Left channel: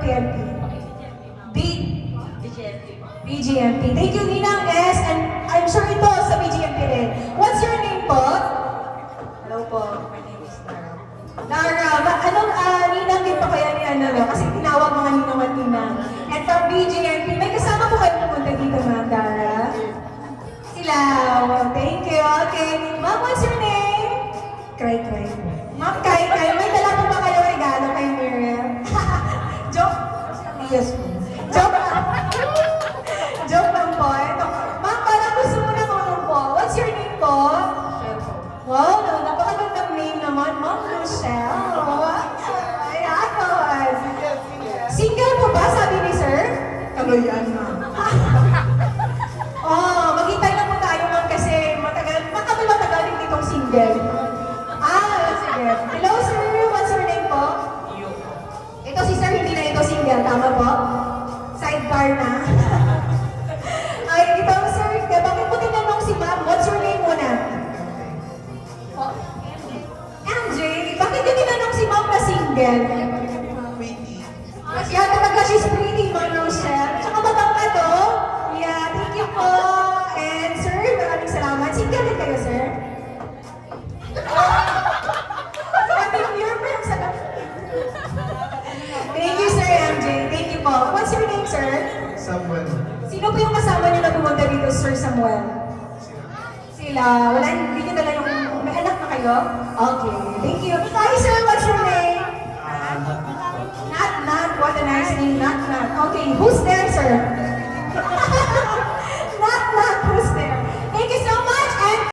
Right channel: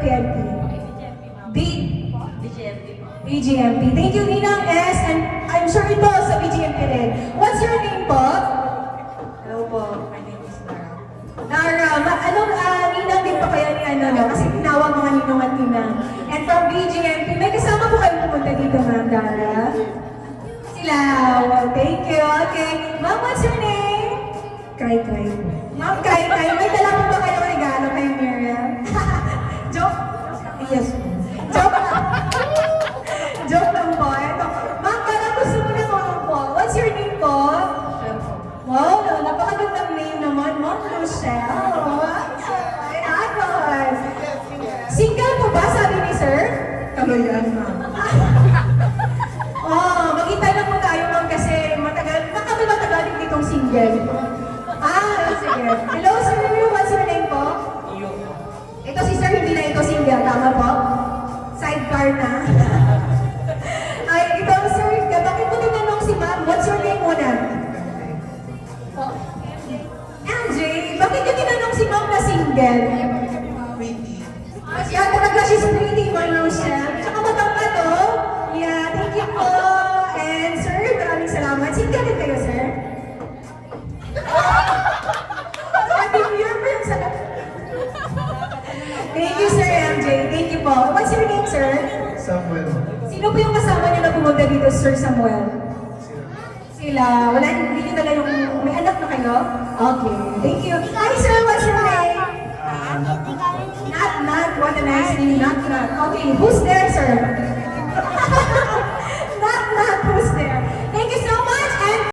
PNP? B? BGMP. Thank you, Ninang S. And I'm sure ito sa BGMP rin. What's your name po? Hello po. My name is Nara. Anong Ninang din pa kaya ni ano? Kasi tinawag mga Ninang at Ninang. And from BGMP, may kasama po kayo pupunta dito, Ma'am Dara? Sila. Wow, thank you. Okay. Ma'am, what's your name? Kai. Ma'am Kai. May dala po ba kayo regalo kay Miriam? Joke? Yes po. Joke lang. Joke lang po. Ma'am, parang gusto mo na po. What's your name po? Wow, napakagandang name naman. Ma'am Michelle. Ay, agad. Single po ba, sabi ni sir? Kabayan na. Magkita na po tayo, ma'am, kasi matagal din itong single. Sige. Hello, sir. What's your name po? Ito si sir, hindi na ito single. Tama po? Sidebar na. Ay, ito, sir. Bakit mo tinanong si ma'am? What's your name muna? MJ, bakit yung tinanong si ma'am na single? Kasi talaga she's pretty, Ma'am Rochelle. Tsaka matangkad, oh. Yeah, thank you po. And sir, maraming salamat. Single din kayo, sir? Happy New Year, friends. Thank you, Sir MJ. Thank you po. What's your name, sir? Samuel. Sino po yung kasama niyo na pumunta dito, Sir Samuel? Sila. Wala, hindi niyo dala yung... May anak na kayo? Okay. Thank you. Hi, sir. What's your name? Not. What a nice name. Not. Okay. Who's there, sir?